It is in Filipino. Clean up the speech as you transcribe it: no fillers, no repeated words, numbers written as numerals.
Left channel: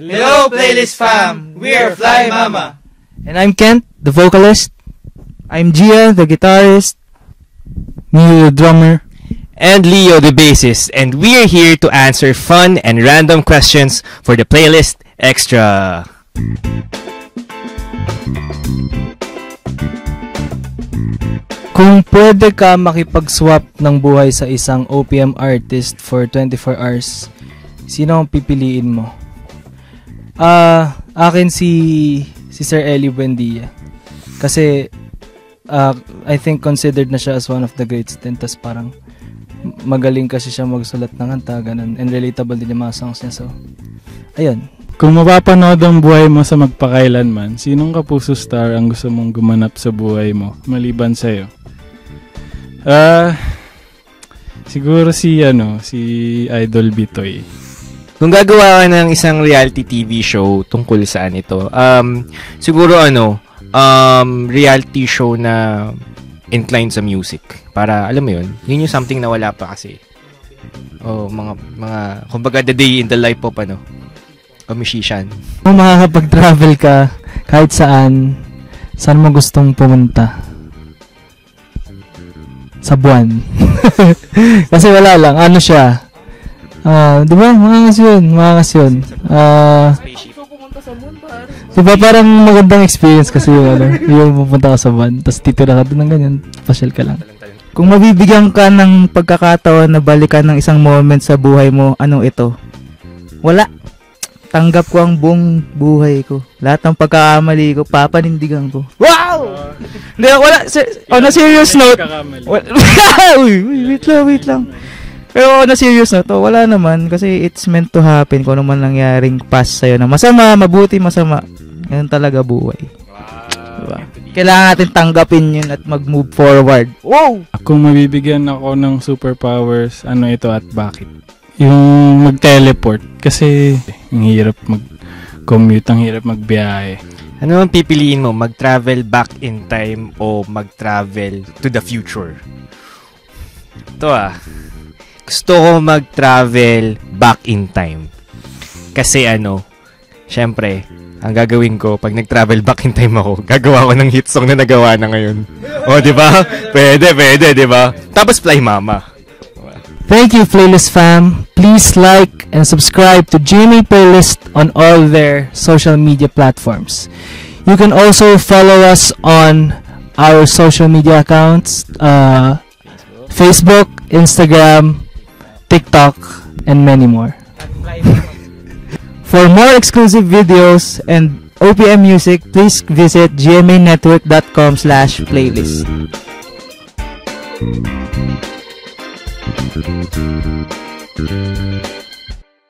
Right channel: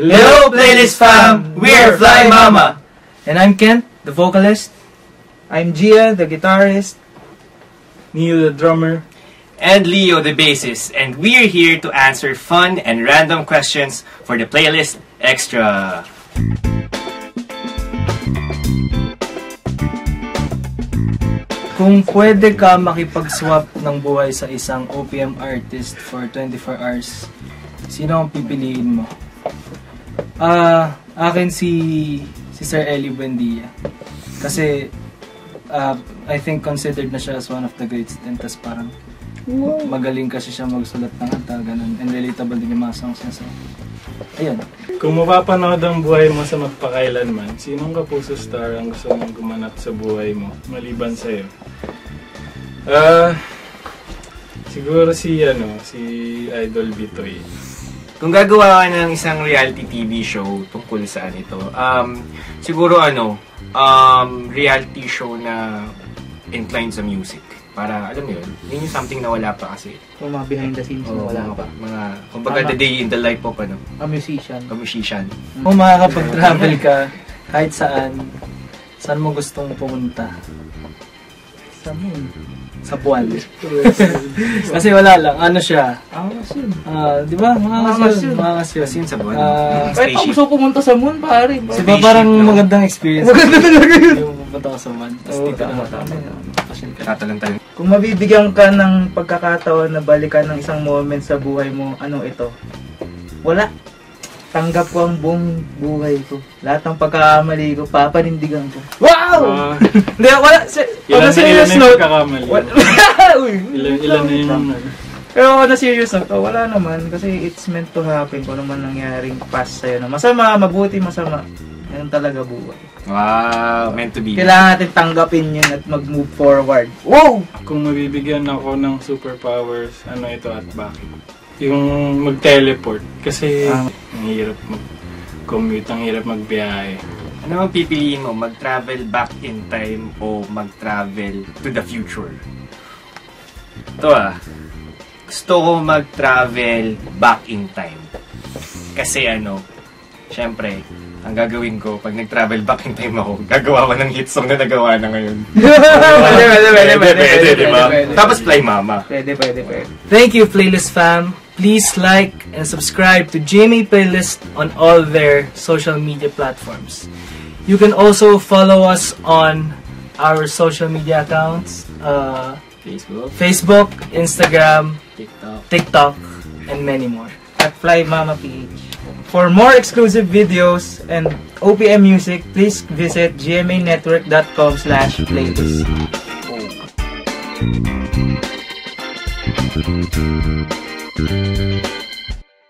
Hello, Playlist Fam! We're Fly Mama! And I'm Kent, the vocalist. I'm Gia, the guitarist. Neil, the drummer. And Leo, the bassist. And we're here to answer fun and random questions for the Playlist Extra. Kung pwede ka makipag-swap ng buhay sa isang OPM artist for 24 hours, sino ang pipiliin mo? Akin si Sir Ellie Buendia. Kasi I think considered na siya as one of the greats din. Tas parang magaling kasi siya magsulat ng kanta, ganun. And relatable din yung mga songs niya. So, ayun. Kung mapapanood ang buhay mo sa magpakailanman, sinong kapuso star ang gusto mong gumanap sa buhay mo, maliban sa'yo? Siguro si Idol Bitoy. Kung gagawa ka ng isang reality TV show tungkol saan ito, siguro reality show na inclined sa music. Para, alam mo yun yung something na wala pa kasi. Mga behind the scenes. Mga kumbaga the day in the life of, a musician. Kung makakapag-travel ka, kahit saan mo gustong pumunta? Sa buwan. Kasi wala lang. Ano siya? Di ba? Mga kasyon. Kahit ako gusto pumunta sa moon, pare. Diba parang magandang experience kasi yung pupunta ka sa buwan. Tapos dito na ka naman ganyan. Pasyal ka lang. Kung mabibigyan ka ng pagkakataon na balikan ng isang moment sa buhay mo, anong ito? Wala. Tanggap ko ang buong buhay ko. Lahat ng pagkakamali ko, papanindigan ko. Wow! Hindi, wala. On a serious note. Wait lang. Pero on a serious note, wala naman. Kasi it's meant to happen kung ano man nangyaring past sa'yo na masama, mabuti, masama. Yan talaga buhay. Wow, meant to be. Kailangan natin tanggapin yun at mag-move forward. Wow! Kung mabibigyan ako ng superpowers, ano ito at bakit? Yung mag-teleport. Kasi ang hirap mag-commute, ang hirap magbiyahe. Ano ang pipiliin mo? Mag-travel back in time o mag-travel to the future? Ito gusto ko mag-travel back in time. Kasi syempre, ang gagawin ko, pag nag-travel back in time ako, gagawa ko ng hit song na nagawa na ngayon. Diba? Pwede, diba? Tapos Fly Mama. Pwede. Thank you, Playlist Fam. Please like and subscribe to GMA Playlist on all their social media platforms. You can also follow us on our social media accounts, Facebook, Instagram, TikTok, and many more. At Fly Mama PH. For more exclusive videos and OPM music, please visit gmanetwork.com/playlist.